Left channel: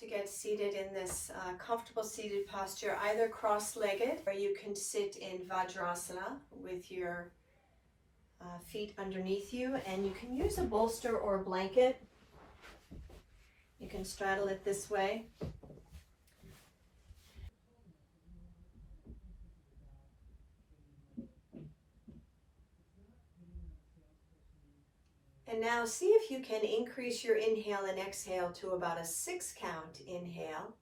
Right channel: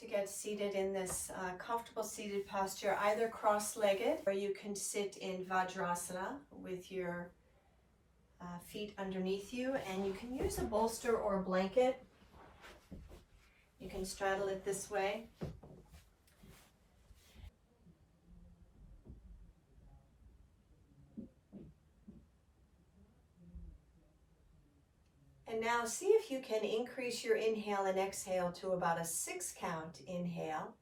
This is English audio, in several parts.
To get seated in this comfortable seated posture, either cross-legged, or you can sit in Vajrasana with your feet underneath you, and you can use a bolster or a blanket. You can straddle it this way. And now see if you can increase your inhale and exhale to about a 6 count inhale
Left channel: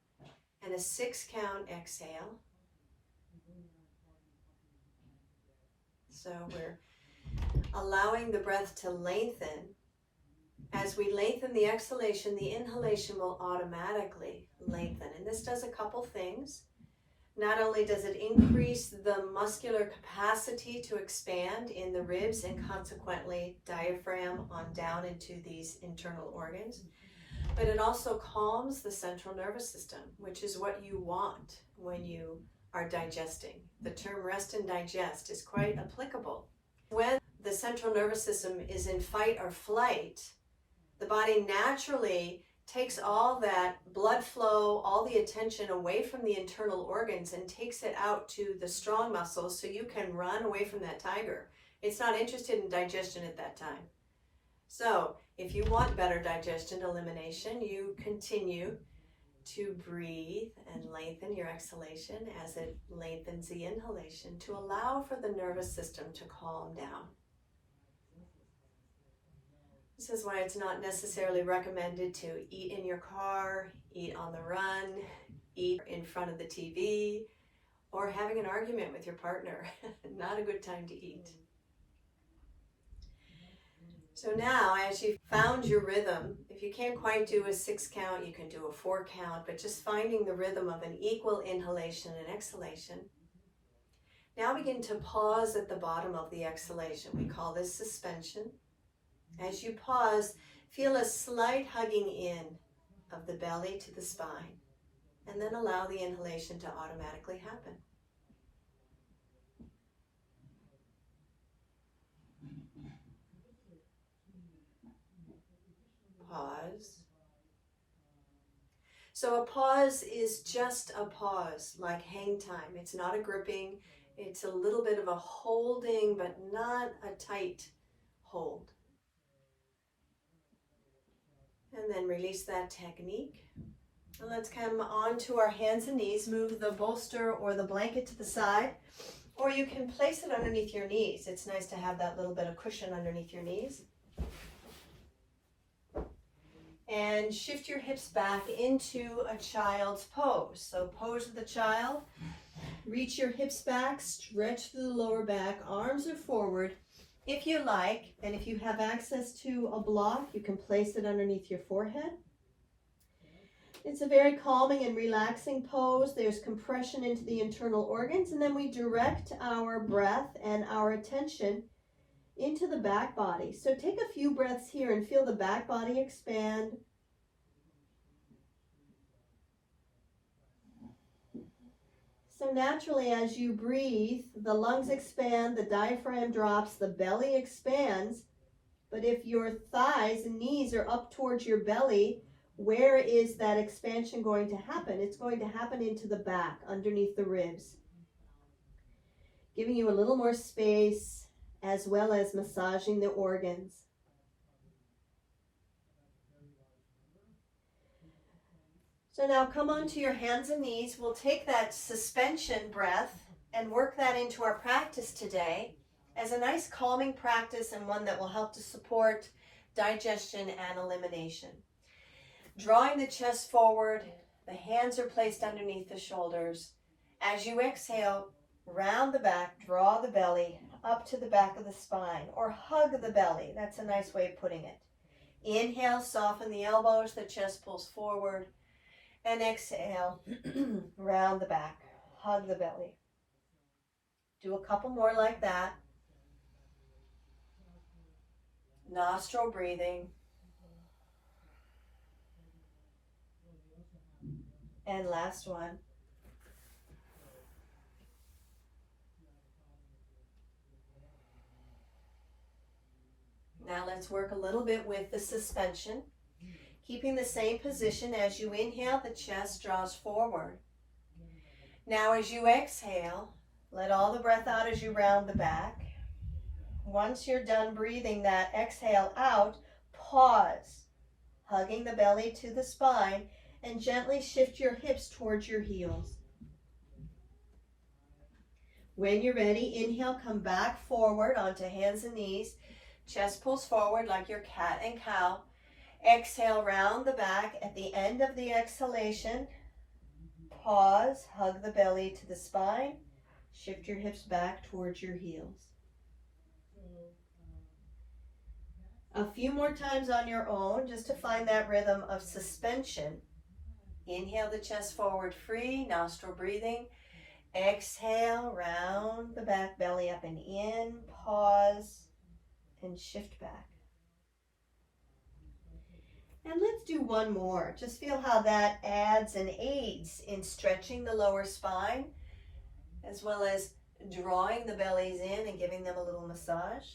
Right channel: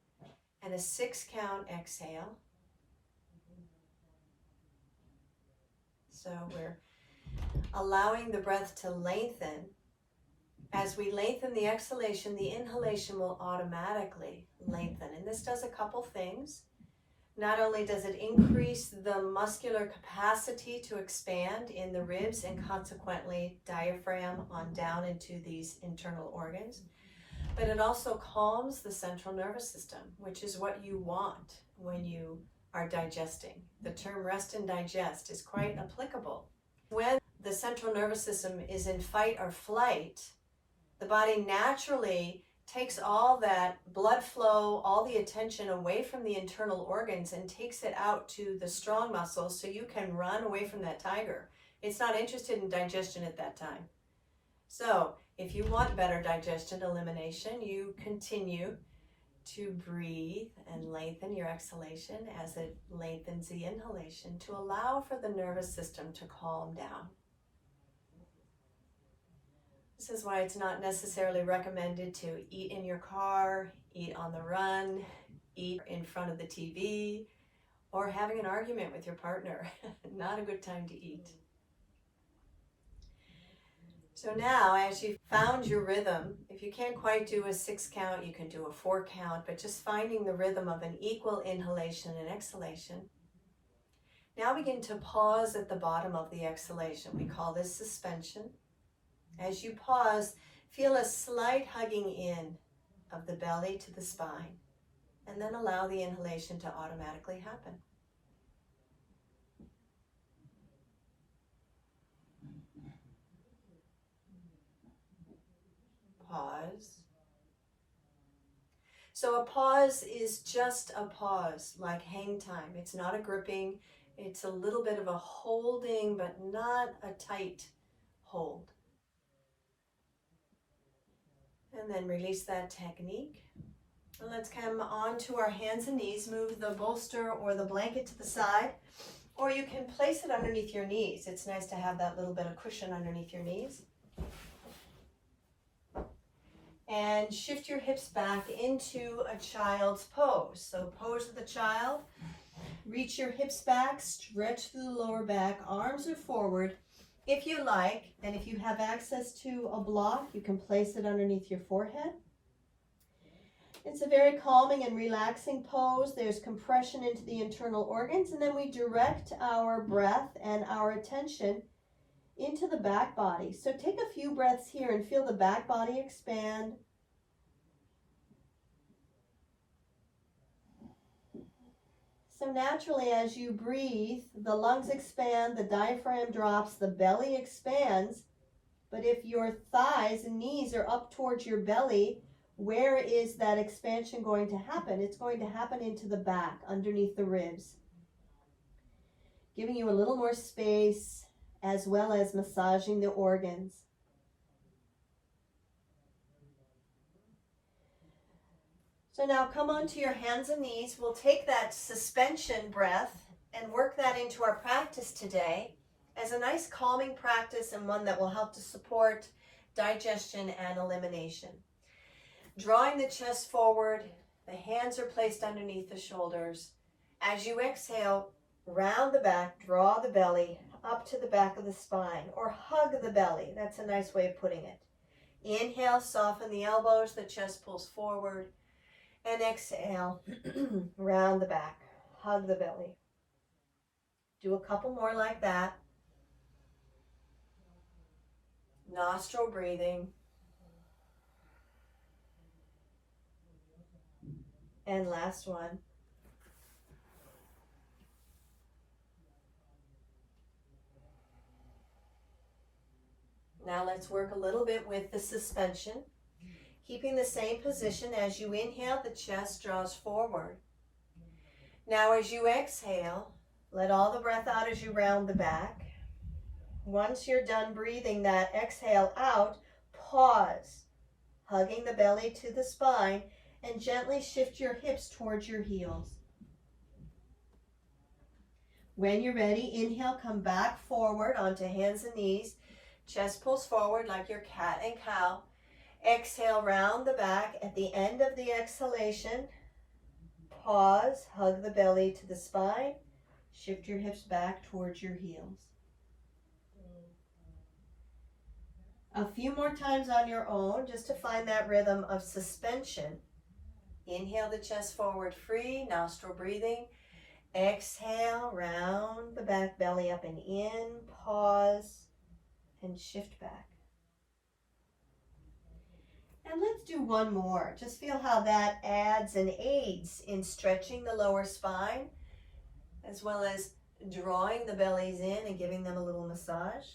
and a 6 count exhale. So we're allowing the breath to lengthen. As we lengthen the exhalation, the inhalation will automatically lengthen. And this does a couple things. Not only does it increase the muscular capacity to expand in the ribs and consequently diaphragm on down into these internal organs, but it also calms the central nervous system, which is what you want when you are digesting. The term rest and digest is quite applicable. When the central nervous system is in fight or flight, the body naturally takes all that blood flow, all the attention away from the internal organs and takes it out to the strong muscles so you can run away from that tiger. It's not interested in digestion at that time. So if you want better digestion, elimination, you continue to breathe and lengthen your exhalation as it lengthens the inhalation to allow for the nervous system to calm down. This is why it's not necessarily recommended to eat in your car, eat on the run, eat in front of the TV, or having an argument with your partner. Not a good time to eat. So now, as you've found your rhythm, if you can't quite do a 6 count, you can do a 4 count, but just finding the rhythm of an equal inhalation and exhalation. Now begin to pause at the bottom of the exhalation. We call this suspension. As you pause, feel a slight hugging in of the belly to the spine, and then allow the inhalation to automatically happen. Pause. So a pause is just a pause, like hang time. It's not a gripping. It's a little bit of a holding, but not a tight hold. And then release that technique. And let's come on to our hands and knees. Move the bolster or the blanket to the side, or you can place it underneath your knees. It's nice to have that little bit of cushion underneath your knees. And shift your hips back into a child's pose. So pose of the child. Reach your hips back, stretch through the lower back, arms are forward. If you like, and if you have access to a block, you can place it underneath your forehead. It's a very calming and relaxing pose. There's compression into the internal organs, and then we direct our breath and our attention into the back body. So take a few breaths here and feel the back body expand. So naturally, as you breathe, the lungs expand, the diaphragm drops, the belly expands. But if your thighs and knees are up towards your belly, where is that expansion going to happen? It's going to happen into the back, underneath the ribs, giving you a little more space, as well as massaging the organs. So now come onto your hands and knees. We'll take that suspension breath and work that into our practice today as a nice calming practice, and one that will help to support digestion and elimination. Drawing the chest forward, the hands are placed underneath the shoulders. As you exhale, round the back, draw the belly up to the back of the spine, or hug the belly. That's a nice way of putting it. Inhale, soften the elbows, the chest pulls forward. And exhale, round the back, hug the belly. Do a couple more like that. Nostril breathing. And last one. Now let's work a little bit with the suspension. Keeping the same position as you inhale, the chest draws forward. Now as you exhale, let all the breath out as you round the back. Once you're done breathing that exhale out, pause, hugging the belly to the spine, and gently shift your hips towards your heels. When you're ready, inhale, come back forward onto hands and knees. Chest pulls forward like your cat and cow. Exhale, round the back. At the end of the exhalation, pause, hug the belly to the spine, shift your hips back towards your heels. A few more times on your own, just to find that rhythm of suspension. Inhale the chest forward free, nostril breathing. Exhale, round the back, belly up and in, pause, and shift back. And let's do one more. Just feel how that adds and aids in stretching the lower spine, as well as drawing the bellies in and giving them a little massage.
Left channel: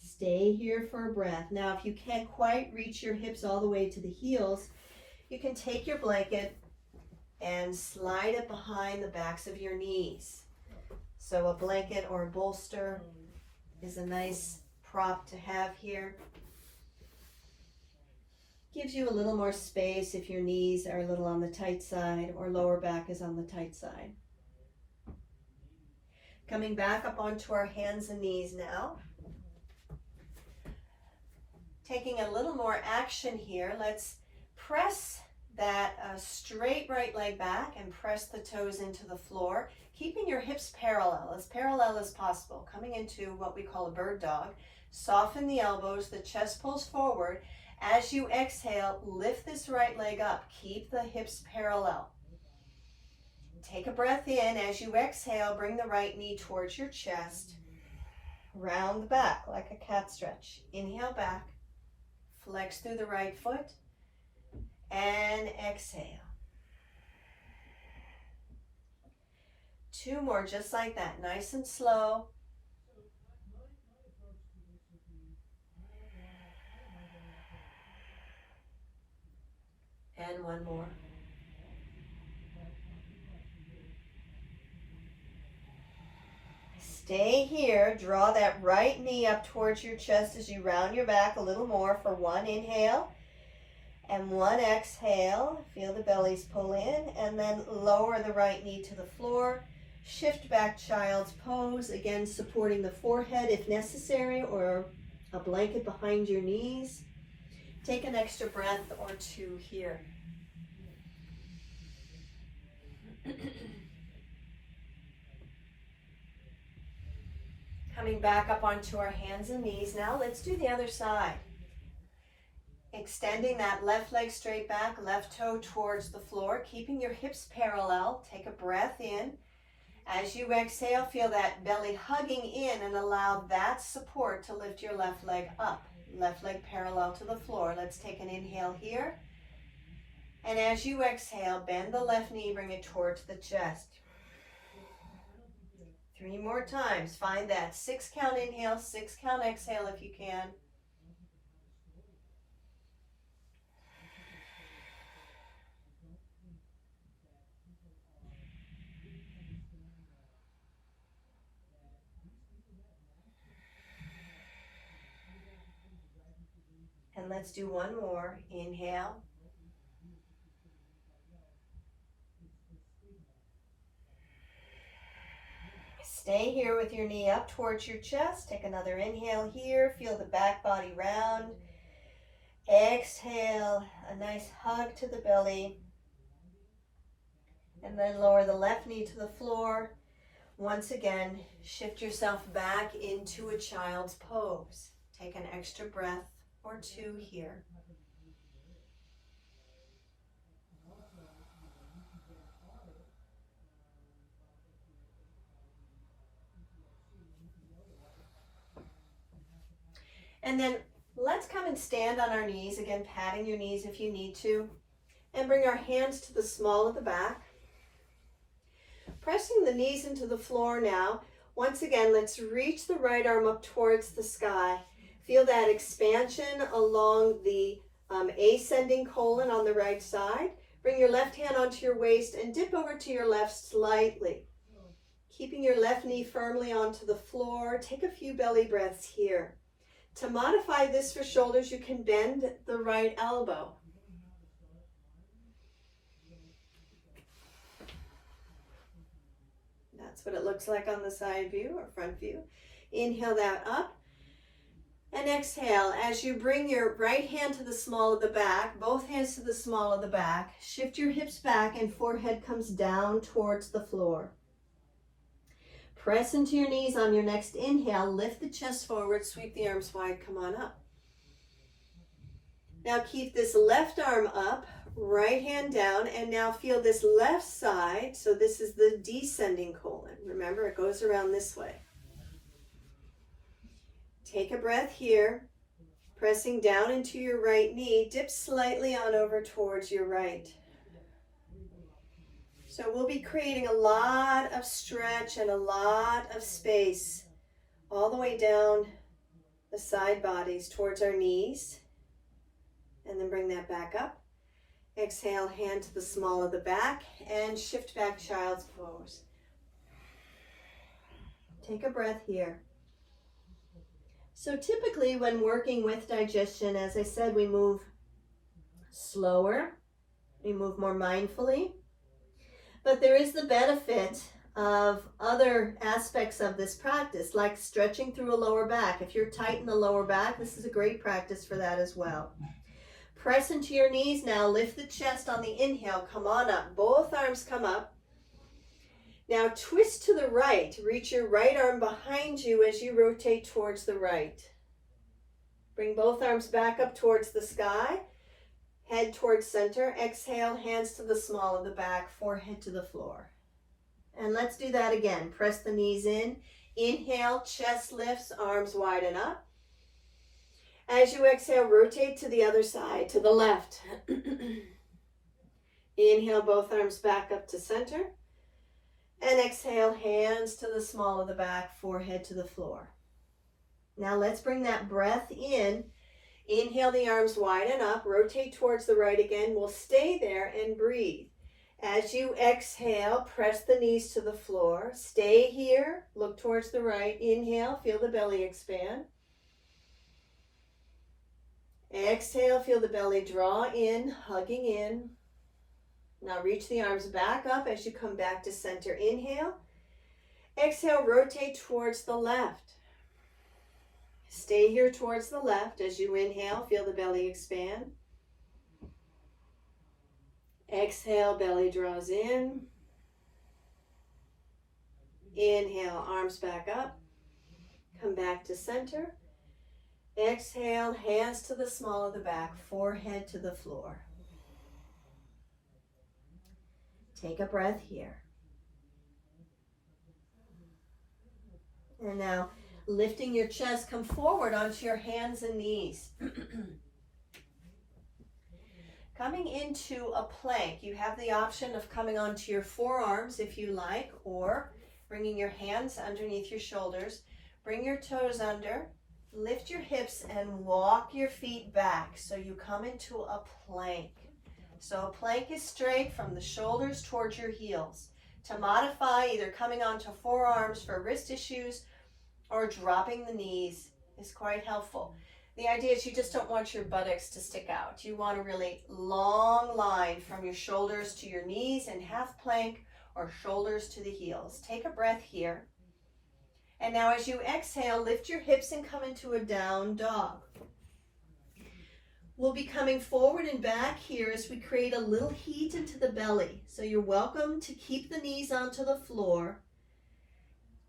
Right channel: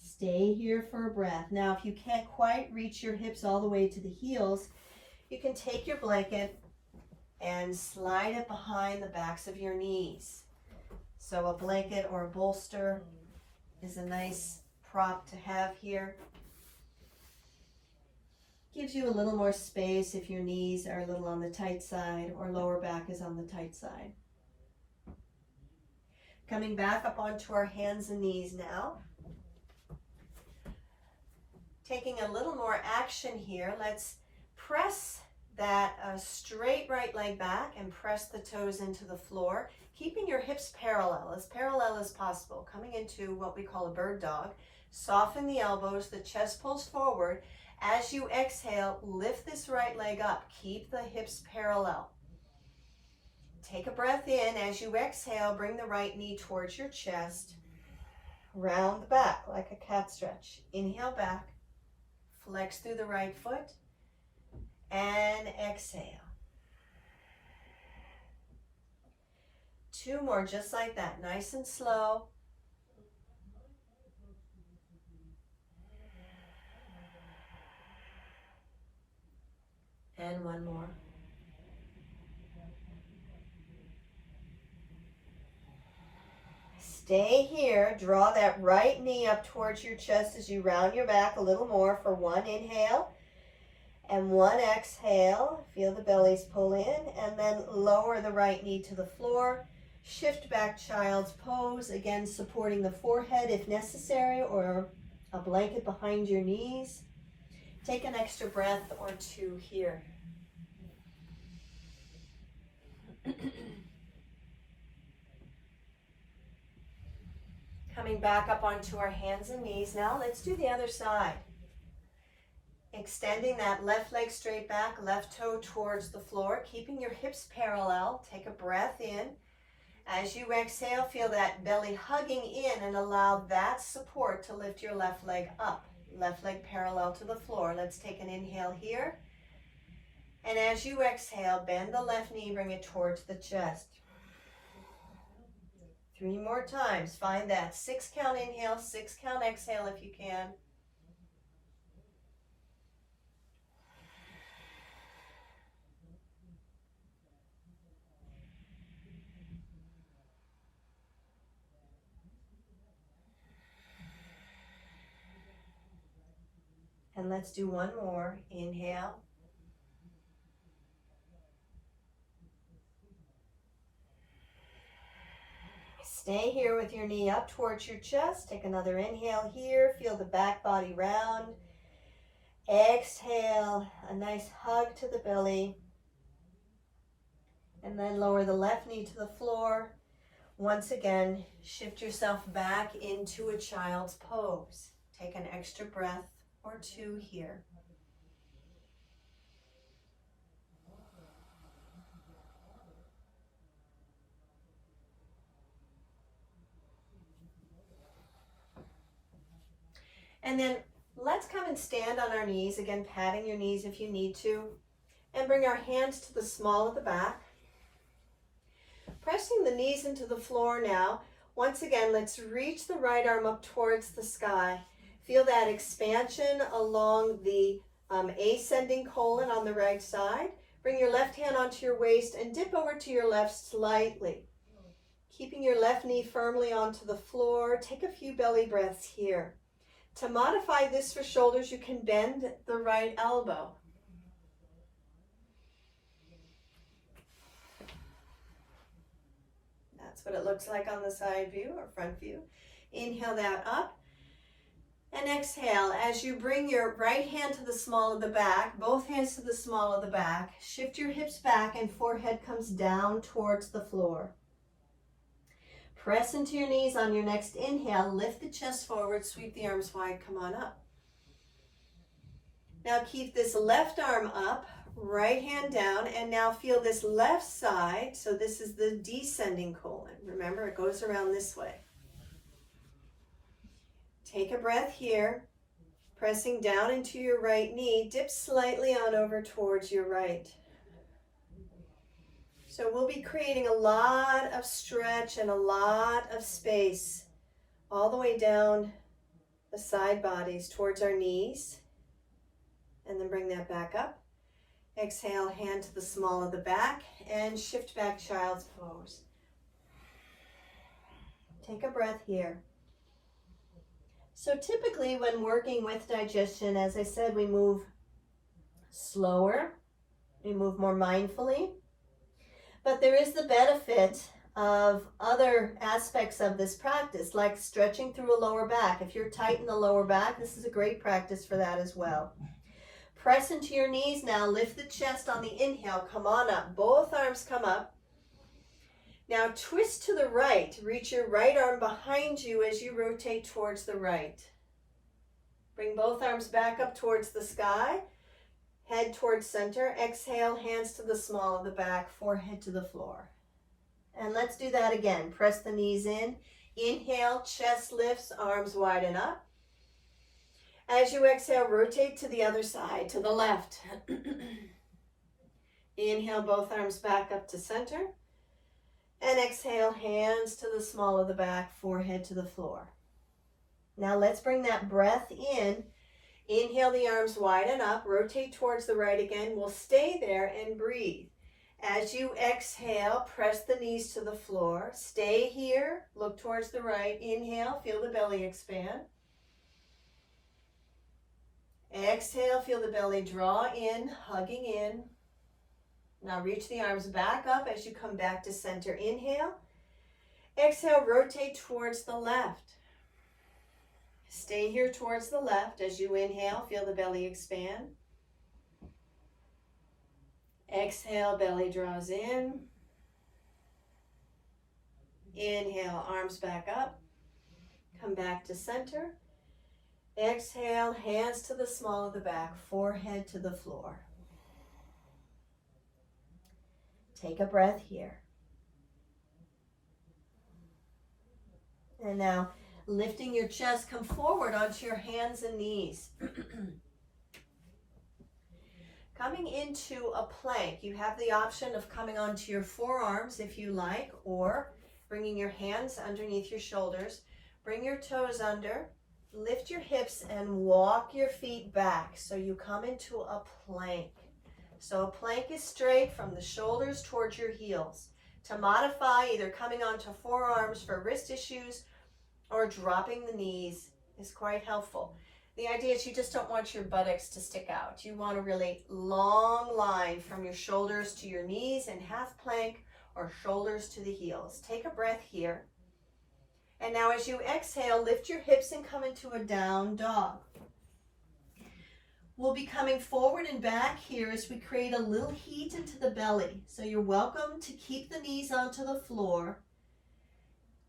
Stay here for a breath. Now, if you can't quite reach your hips all the way to the heels, you can take your blanket and slide it behind the backs of your knees. So a blanket or a bolster is a nice prop to have here. Gives you a little more space if your knees are a little on the tight side or lower back is on the tight side. Coming back up onto our hands and knees now. Taking a little more action here, let's press that straight right leg back and press the toes into the floor, keeping your hips parallel as possible, coming into what we call a bird dog. Soften the elbows, the chest pulls forward. As you exhale, lift this right leg up, keep the hips parallel. Take a breath in. As you exhale, bring the right knee towards your chest. Round the back like a cat stretch. Inhale back. Flex through the right foot and exhale. Two more just like that, nice and slow. And one more. Stay here. Draw that right knee up towards your chest as you round your back a little more for one inhale and one exhale. Feel the bellies pull in and then lower the right knee to the floor. Shift back child's pose, again supporting the forehead if necessary or a blanket behind your knees. Take an extra breath or two here. Coming back up onto our hands and knees. Now let's do the other side. Extending that left leg straight back, left toe towards the floor, keeping your hips parallel. Take a breath in. As you exhale, feel that belly hugging in and allow that support to lift your left leg up. Left leg parallel to the floor. Let's take an inhale here. And as you exhale, bend the left knee, bring it towards the chest. 3 more times. Find that 6 count inhale, 6 count exhale if you can. And let's do one more. Inhale. Stay here with your knee up towards your chest. Take another inhale here. Feel the back body round. Exhale, a nice hug to the belly. And then lower the left knee to the floor. Once again, shift yourself back into a child's pose. Take an extra breath or two here. And then let's come and stand on our knees, again patting your knees if you need to, and bring our hands to the small of the back. Pressing the knees into the floor now, Once again, let's reach the right arm up towards the sky. Feel that expansion along the ascending colon on the right side. Bring your left hand onto your waist and dip over to your left slightly. Keeping your left knee firmly onto the floor. Take a few belly breaths here. To modify this for shoulders, you can bend the right elbow. That's what it looks like on the side view or front view. Inhale that up. And exhale, as you bring your right hand to the small of the back, both hands to the small of the back, shift your hips back and forehead comes down towards the floor. Press into your knees on your next inhale, lift the chest forward, sweep the arms wide, come on up. Now keep this left arm up, right hand down, and now feel this left side, so this is the descending colon. Remember, it goes around this way. Take a breath here, pressing down into your right knee. Dip slightly on over towards your right. So we'll be creating a lot of stretch and a lot of space all the way down the side bodies towards our knees. And then bring that back up. Exhale, hand to the small of the back and shift back child's pose. Take a breath here. So typically when working with digestion, as I said, we move slower, we move more mindfully, but there is the benefit of other aspects of this practice, like stretching through a lower back. If you're tight in the lower back, this is a great practice for that as well. Press into your knees now, lift the chest on the inhale, come on up, both arms come up. Now twist to the right, reach your right arm behind you as you rotate towards the right. Bring both arms back up towards the sky, head towards center. Exhale, hands to the small of the back, forehead to the floor. And let's do that again. Press the knees in. Inhale, chest lifts, arms widen up. As you exhale, rotate to the other side, to the left. Inhale, both arms back up to center. And exhale, hands to the small of the back, forehead to the floor. Now let's bring that breath in. Inhale, the arms widen up, rotate towards the right again. We'll stay there and breathe. As you exhale, press the knees to the floor. Stay here, look towards the right. Inhale, feel the belly expand. Exhale, feel the belly draw in, hugging in. Now reach the arms back up as you come back to center. Inhale. Exhale, rotate towards the left. Stay here towards the left. As you inhale, feel the belly expand. Exhale, belly draws in. Inhale, arms back up. Come back to center. Exhale, hands to the small of the back, forehead to the floor. Take a breath here. And now, lifting your chest, come forward onto your hands and knees. Coming into a plank, you have the option of coming onto your forearms if you like, or bringing your hands underneath your shoulders. Bring your toes under, lift your hips, and walk your feet back so you come into a plank. So a plank is straight from the shoulders towards your heels. To modify, either coming onto forearms for wrist issues or dropping the knees is quite helpful. The idea is you just don't want your buttocks to stick out. You want a really long line from your shoulders to your knees in half plank or shoulders to the heels. Take a breath here. And now as you exhale, lift your hips and come into a down dog. We'll be coming forward and back here as we create a little heat into the belly. So you're welcome to keep the knees onto the floor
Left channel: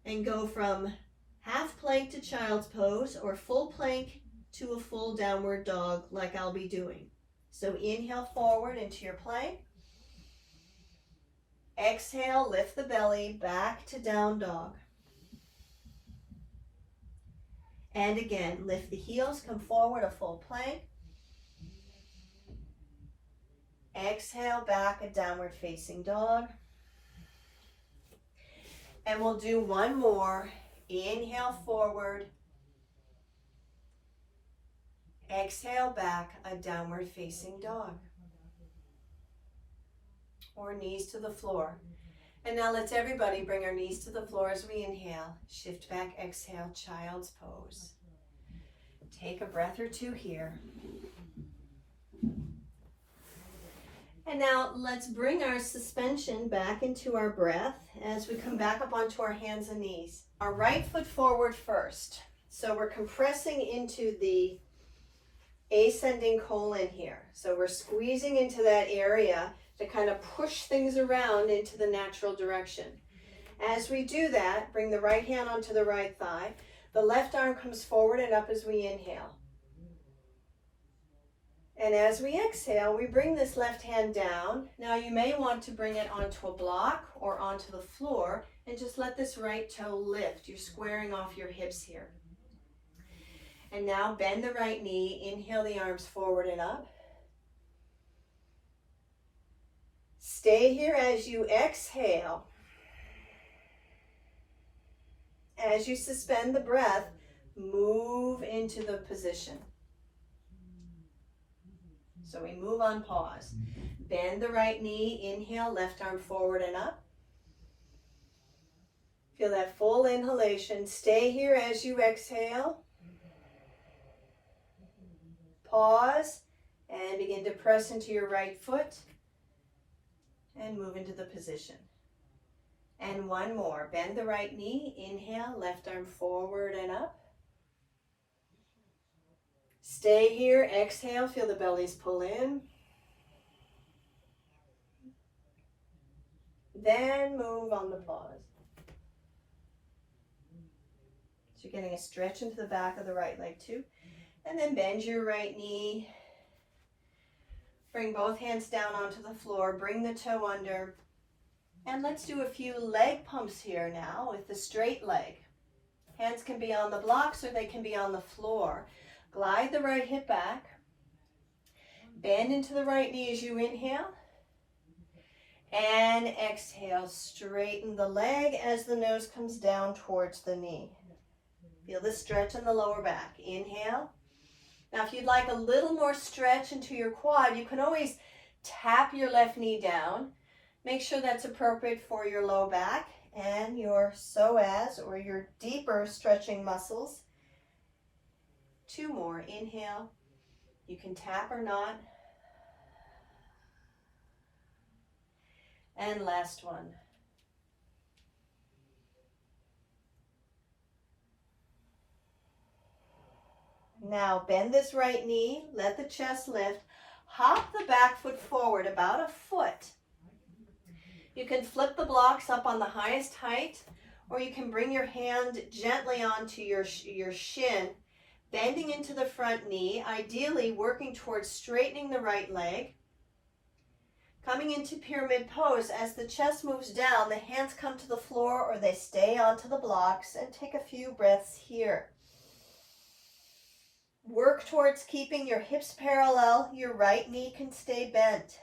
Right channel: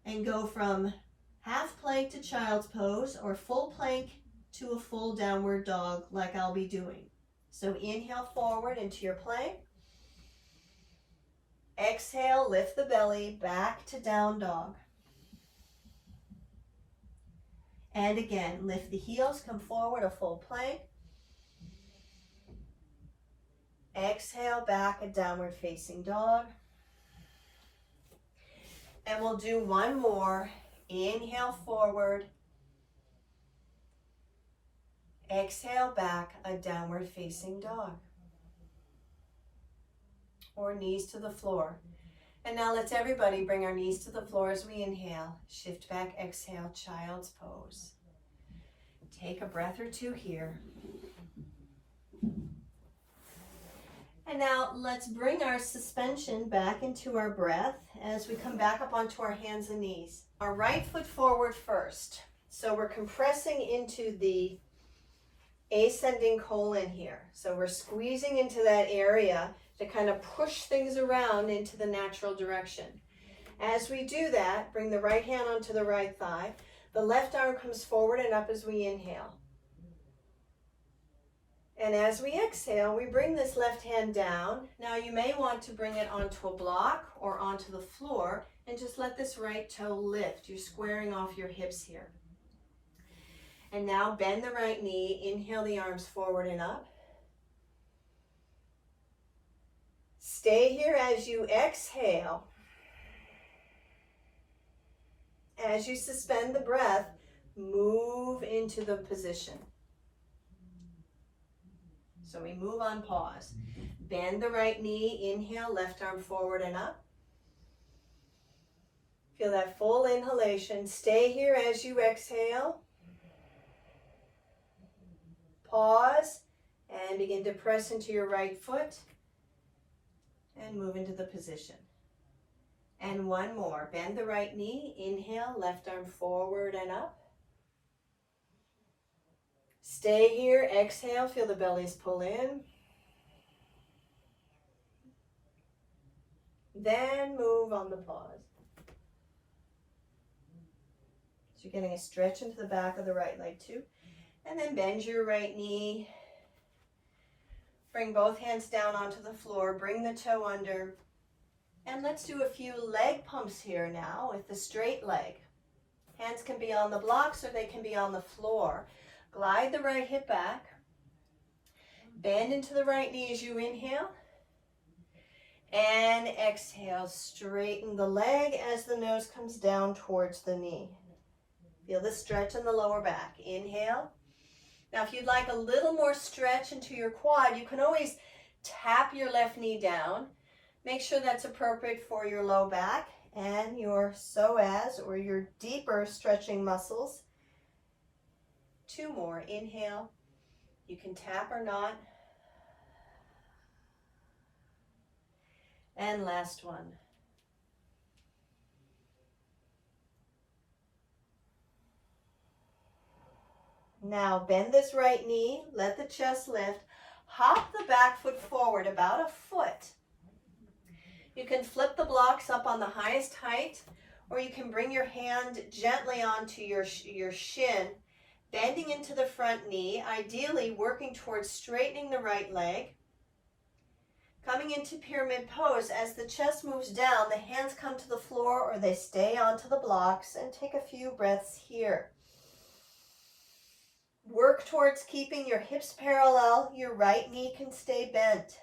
and go from half plank to child's pose or full plank to a full downward dog like I'll be doing. So inhale forward into your plank. Exhale, lift the belly back to down dog. And again, lift the heels, come forward, a full plank. Exhale, back, a downward facing dog. And we'll do one more. Inhale forward. Exhale back, a downward facing dog. Or knees to the floor. And now let's everybody bring our knees to the floor as we inhale. Shift back, exhale, child's pose. Take a breath or two here. And now let's bring our suspension back into our breath as we come back up onto our hands and knees. Our right foot forward first. So we're compressing into the ascending colon here. So we're squeezing into that area to kind of push things around into the natural direction. As we do that, bring the right hand onto the right thigh. The left arm comes forward and up as we inhale. And as we exhale, we bring this left hand down. Now you may want to bring it onto a block or onto the floor and just let this right toe lift. You're squaring off your hips here. And now bend the right knee, inhale the arms forward and up. Stay here as you exhale. As you suspend the breath, move into the position. So we move on pause. Bend the right knee, inhale, left arm forward and up. Feel that full inhalation. Stay here as you exhale. Pause and begin to press into your right foot and move into the position. And one more. Bend the right knee, inhale, left arm forward and up. Stay here, exhale, feel the bellies pull in. Then move on the pause. So you're getting a stretch into the back of the right leg too. And then bend your right knee. Bring both hands down onto the floor. Bring the toe under. And let's do a few leg pumps here now with the straight leg. Hands can be on the blocks or they can be on the floor. Glide the right hip back. Bend into the right knee as you inhale. And exhale. Straighten the leg as the nose comes down towards the knee. Feel the stretch in the lower back. Inhale. Now, if you'd like a little more stretch into your quad, you can always tap your left knee down. Make sure that's appropriate for your low back and your psoas or your deeper stretching muscles. Two more. Inhale. You can tap or not. And last one. Now bend this right knee, let the chest lift, hop the back foot forward about a foot. You can flip the blocks up on the highest height, or you can bring your hand gently onto your shin, bending into the front knee, ideally working towards straightening the right leg. Coming into pyramid pose, as the chest moves down, the hands come to the floor or they stay onto the blocks, and take a few breaths here. Work towards keeping your hips parallel. Your right knee can stay bent.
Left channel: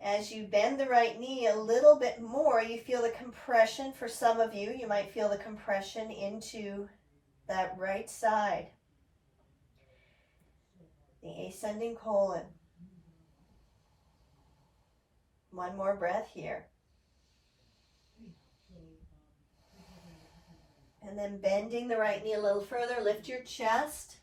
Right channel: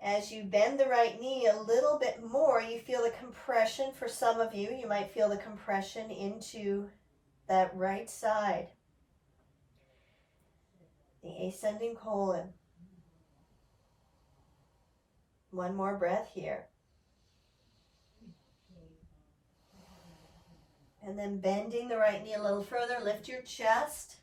As you bend the right knee a little bit more, you feel the compression. For some of you, you might feel the compression into that right side. The ascending colon. One more breath here. And then bending the right knee a little further, lift your chest.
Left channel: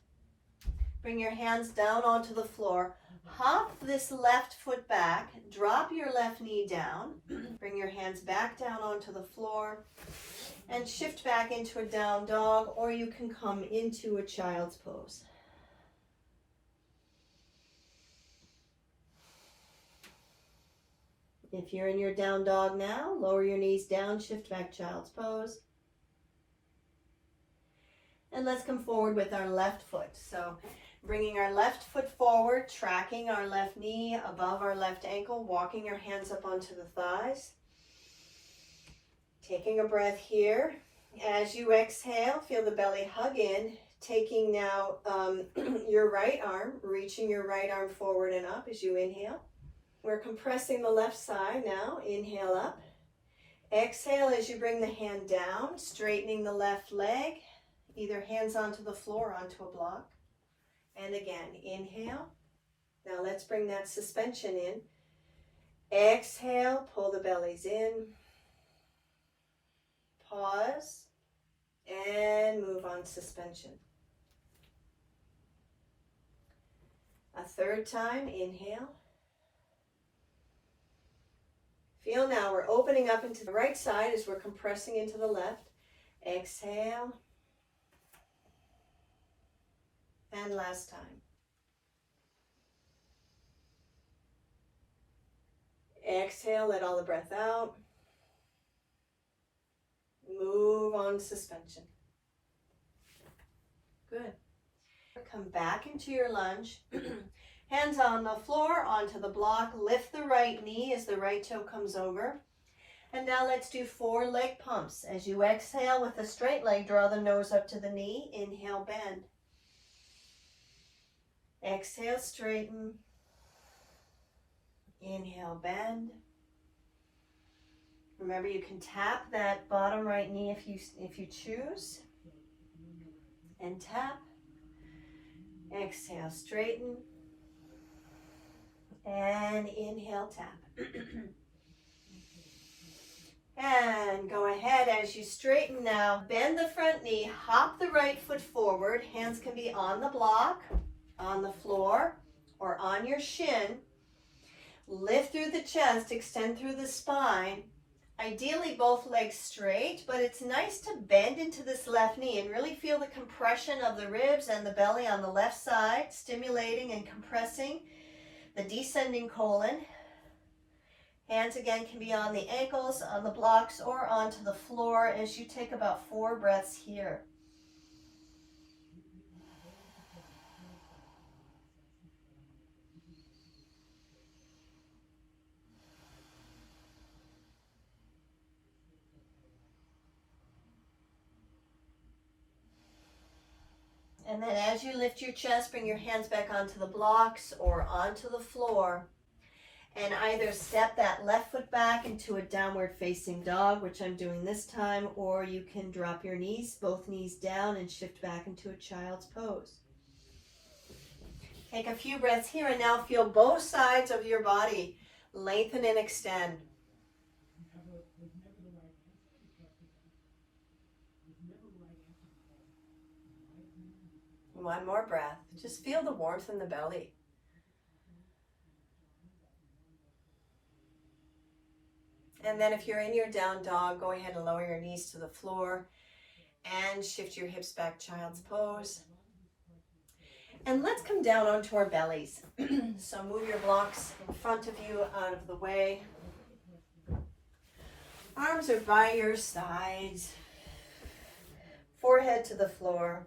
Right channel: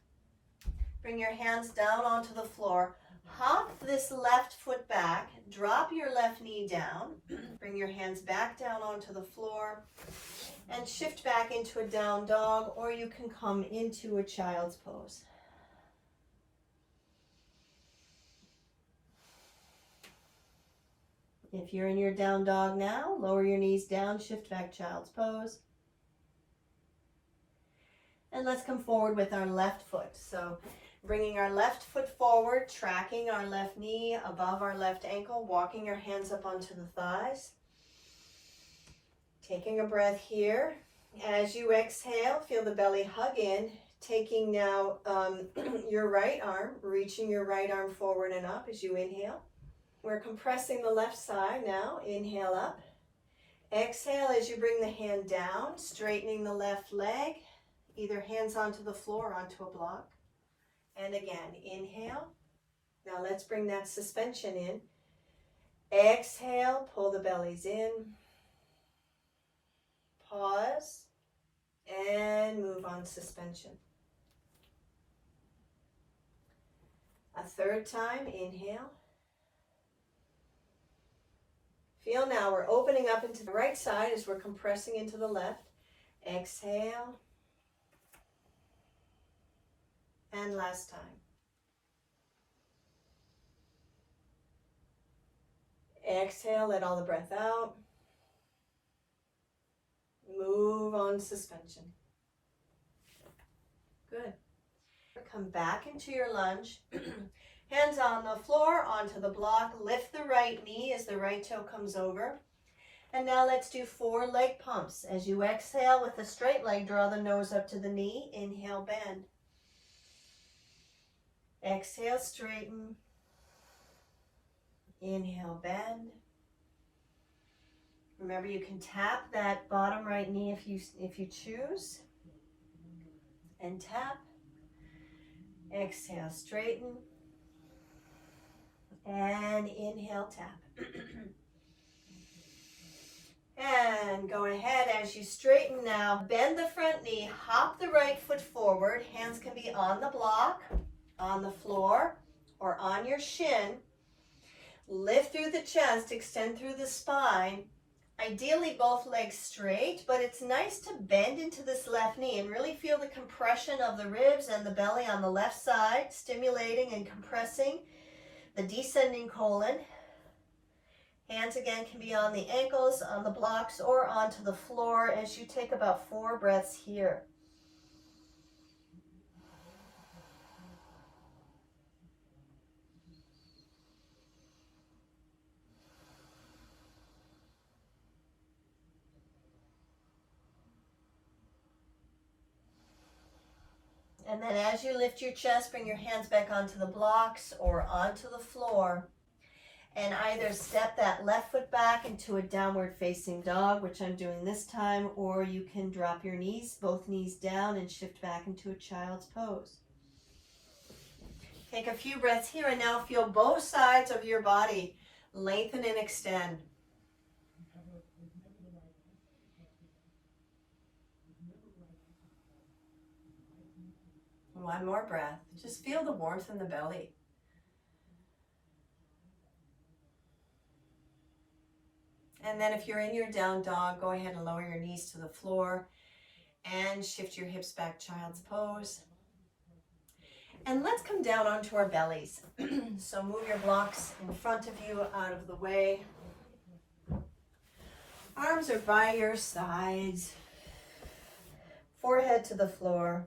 Bring your hands down onto the floor. Hop this left foot back. Drop your left knee down. Bring your hands back down onto the floor. And shift back into a down dog, or you can come into a child's pose. If you're in your down dog now, lower your knees down, shift back child's pose. And let's come forward with our left foot. So bringing our left foot forward, tracking our left knee above our left ankle, walking your hands up onto the thighs. Taking a breath here. As you exhale, feel the belly hug in. Taking now your right arm, reaching your right arm forward and up as you inhale. We're compressing the left side now. Inhale up. Exhale as you bring the hand down, straightening the left leg, either hands onto the floor or onto a block. And again, inhale. Now let's bring that suspension in. Exhale, pull the bellies in. Pause. And move on suspension. A third time, inhale. Feel now we're opening up into the right side as we're compressing into the left. Exhale. And last time. Exhale, let all the breath out. Move on suspension. Good. Come back into your lunge. Hands on the floor, onto the block. Lift the right knee as the right toe comes over. And now let's do 4 leg pumps. As you exhale with a straight leg, draw the nose up to the knee. Inhale, bend. Exhale, straighten. Inhale, bend. Remember, you can tap that bottom right knee if you choose. And tap. Exhale, straighten. And inhale, tap. And go ahead as you straighten now. Bend the front knee, hop the right foot forward. Hands can be on the block, on the floor, or on your shin. Lift through the chest, extend through the spine. Ideally both legs straight, but it's nice to bend into this left knee and really feel the compression of the ribs and the belly on the left side, stimulating and compressing the descending colon. Hands again can be on the ankles, on the blocks, or onto the floor as you take about 4 breaths here. And then as you lift your chest, bring your hands back onto the blocks or onto the floor. And either step that left foot back into a downward facing dog, which I'm doing this time, or you can drop your knees, both knees down, and shift back into a child's pose. Take a few breaths here and now feel both sides of your body lengthen and extend. One more breath. Just feel the warmth in the belly. And then if you're in your down dog, go ahead and lower your knees to the floor and shift your hips back, child's pose. And let's come down onto our bellies. So move your blocks in front of you, out of the way. Arms are by your sides. Forehead to the floor.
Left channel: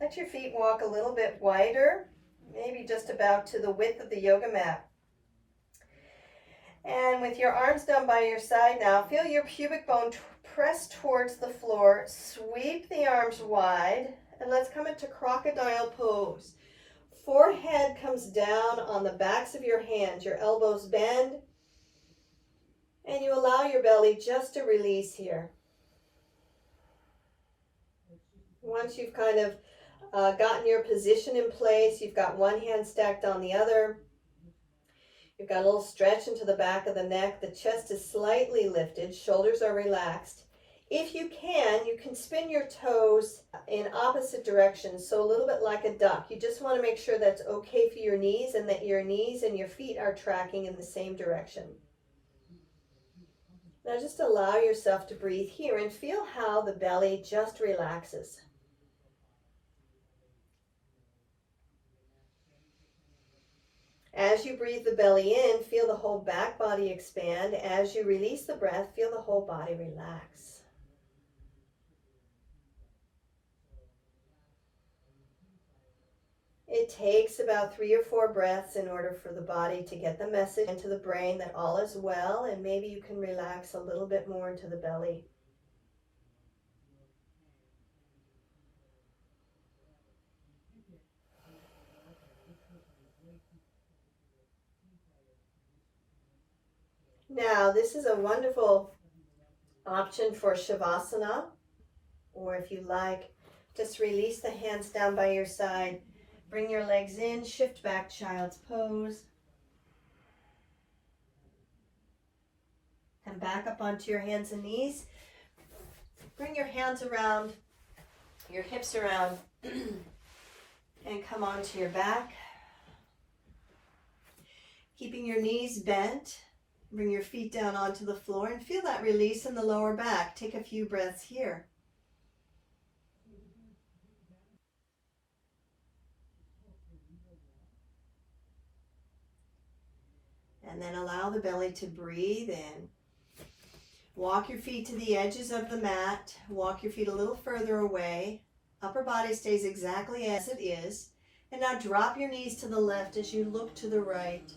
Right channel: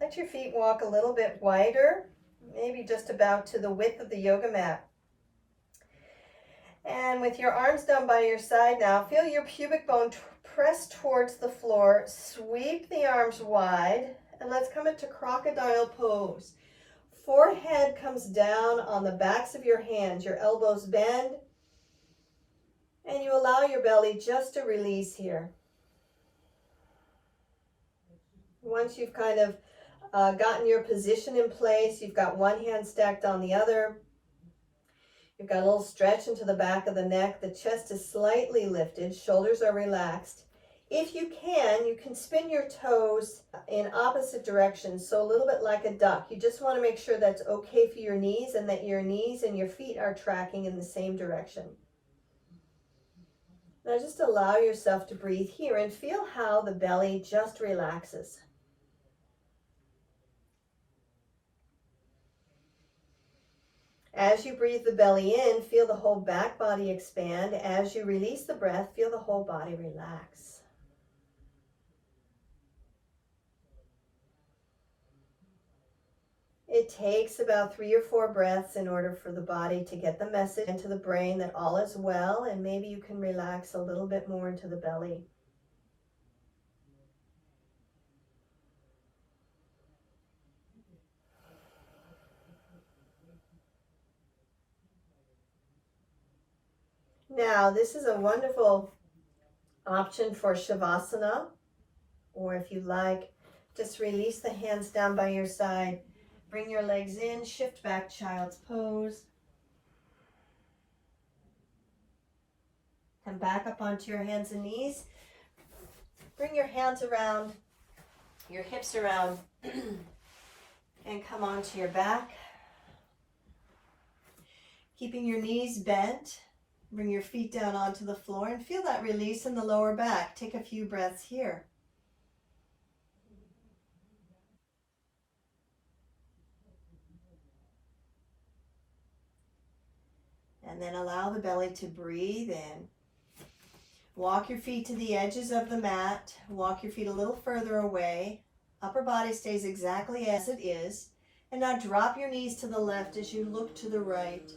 Let your feet walk a little bit wider, maybe just about to the width of the yoga mat. And with your arms down by your side now, feel your pubic bone press towards the floor. Sweep the arms wide, and let's come into crocodile pose. Forehead comes down on the backs of your hands. Your elbows bend, and you allow your belly just to release here. Once you've kind of gotten your position in place, you've got one hand stacked on the other. You've got a little stretch into the back of the neck. The chest is slightly lifted. Shoulders are relaxed. If you can spin your toes in opposite directions, so a little bit like a duck. You just want to make sure that's okay for your knees and that your knees and your feet are tracking in the same direction. Now just allow yourself to breathe here and feel how the belly just relaxes. As you breathe the belly in, feel the whole back body expand. As you release the breath, feel the whole body relax. It takes about 3 or 4 breaths in order for the body to get the message into the brain that all is well, and maybe you can relax a little bit more into the belly. Now, this is a wonderful Option for Shavasana, or if you like, just release the hands down by your side. Bring your legs in, shift back, child's pose. Come back up onto your hands and knees. Bring your hands around, your hips around, and come onto your back. Keeping your knees bent, bring your feet down onto the floor and feel that release in the lower back. Take a few breaths here. And then allow the belly to breathe in. Walk your feet to the edges of the mat. Walk your feet a little further away. Upper body stays exactly as it is. And now drop your knees to the left as you look to the right.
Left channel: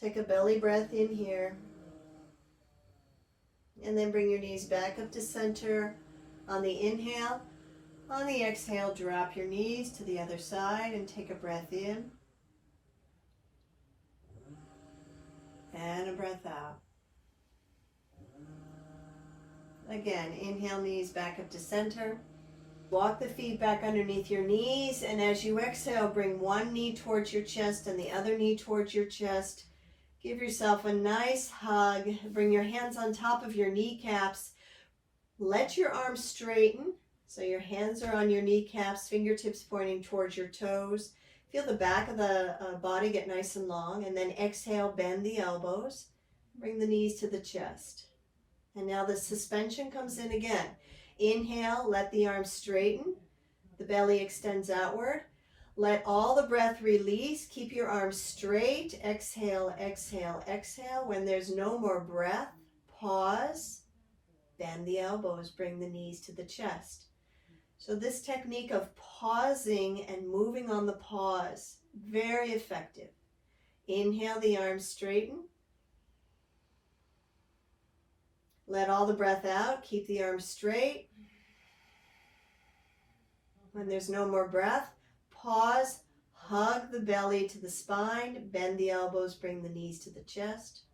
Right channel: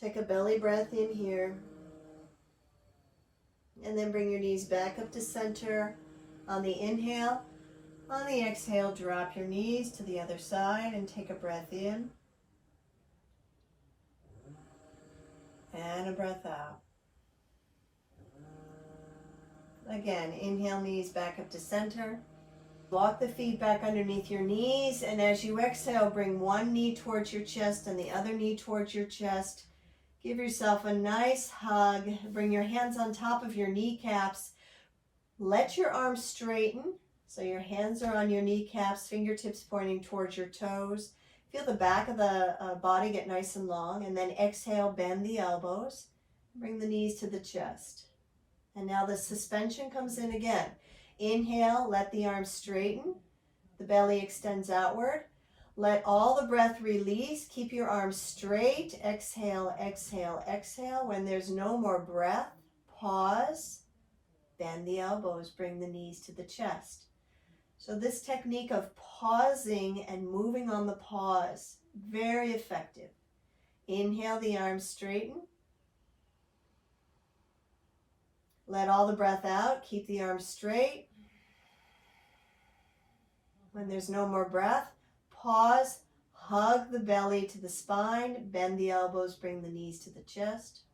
Take a belly breath in here. And then bring your knees back up to center on the inhale. On the exhale, drop your knees to the other side and take a breath in. And a breath out. Again, inhale, knees back up to center. Walk the feet back underneath your knees, and as you exhale, bring one knee towards your chest and the other knee towards your chest. Give yourself a nice hug. Bring your hands on top of your kneecaps. Let your arms straighten, so your hands are on your kneecaps, fingertips pointing towards your toes. Feel the back of the body get nice and long, and then exhale, bend the elbows. Bring the knees to the chest. And now the suspension comes in again. Inhale, let the arms straighten. The belly extends outward. Let all the breath release. Keep your arms straight. Exhale, exhale, exhale. When there's no more breath, pause. Bend the elbows. Bring the knees to the chest. So this technique of pausing and moving on the pause, very effective. Inhale, the arms straighten. Let all the breath out. Keep the arms straight. When there's no more breath, pause, hug the belly to the spine, bend the elbows, bring the knees to the chest.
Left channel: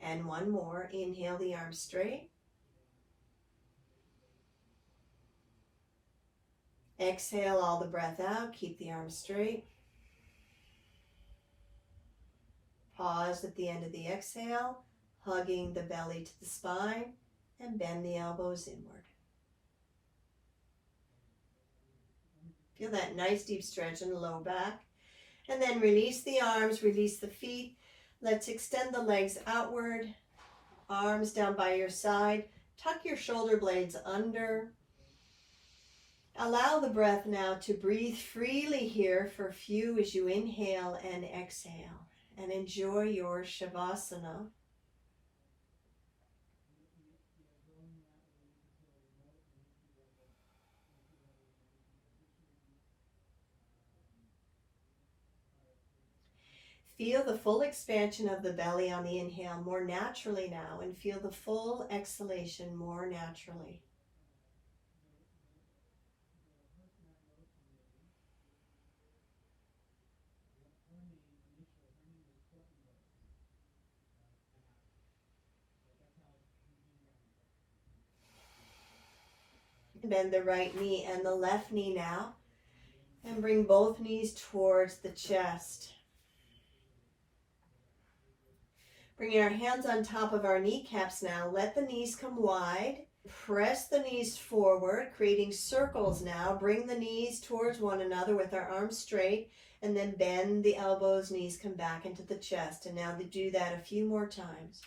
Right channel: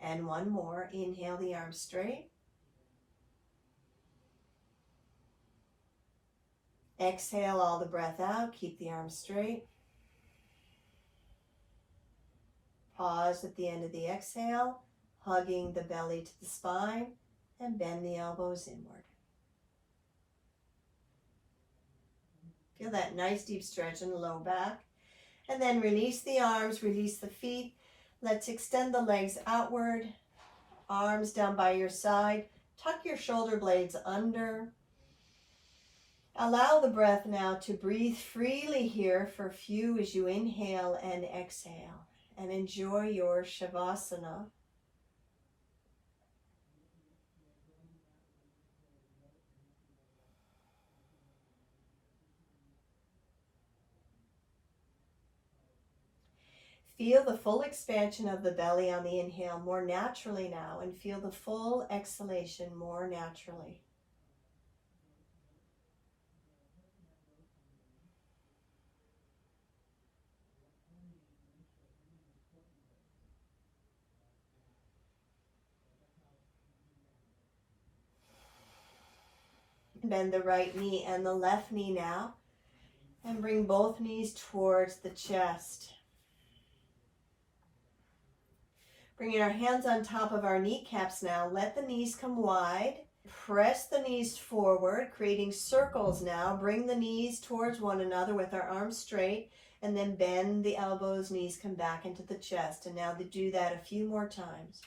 And one more. Inhale, the arms straight. Exhale all the breath out. Keep the arms straight. Pause at the end of the exhale, hugging the belly to the spine, and bend the elbows inward. Feel that nice deep stretch in the low back. And then release the arms, release the feet. Let's extend the legs outward, arms down by your side. Tuck your shoulder blades under. Allow the breath now to breathe freely here for a few as you inhale and exhale. And enjoy your Shavasana. Feel the full expansion of the belly on the inhale more naturally now, and feel the full exhalation more naturally. Bend the right knee and the left knee now, and bring both knees towards the chest. Bringing our hands on top of our kneecaps now, let the knees come wide. Press the knees forward, creating circles now. Bring the knees towards one another with our arms straight, and then bend the elbows, knees come back into the chest. And now to do that a few more times.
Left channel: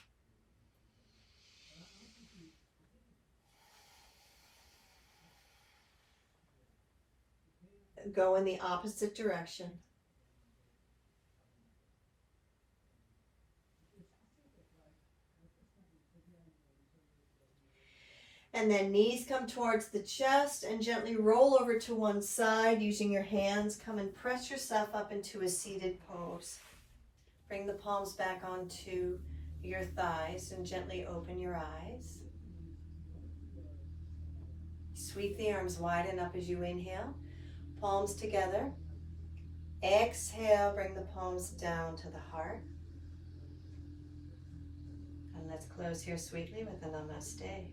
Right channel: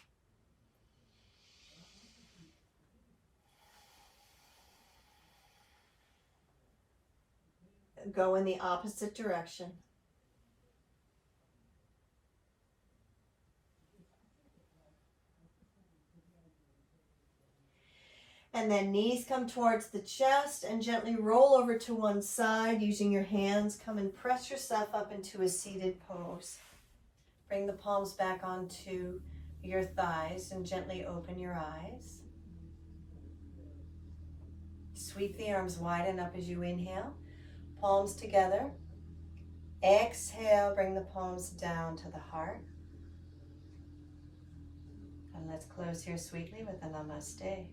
Go in the opposite direction. And then knees come towards the chest and gently roll over to one side using your hands. Come and press yourself up into a seated pose. Bring the palms back onto your thighs and gently open your eyes. Sweep the arms wide and up as you inhale. Palms together. Exhale, bring the palms down to the heart. let's close here sweetly with a namaste.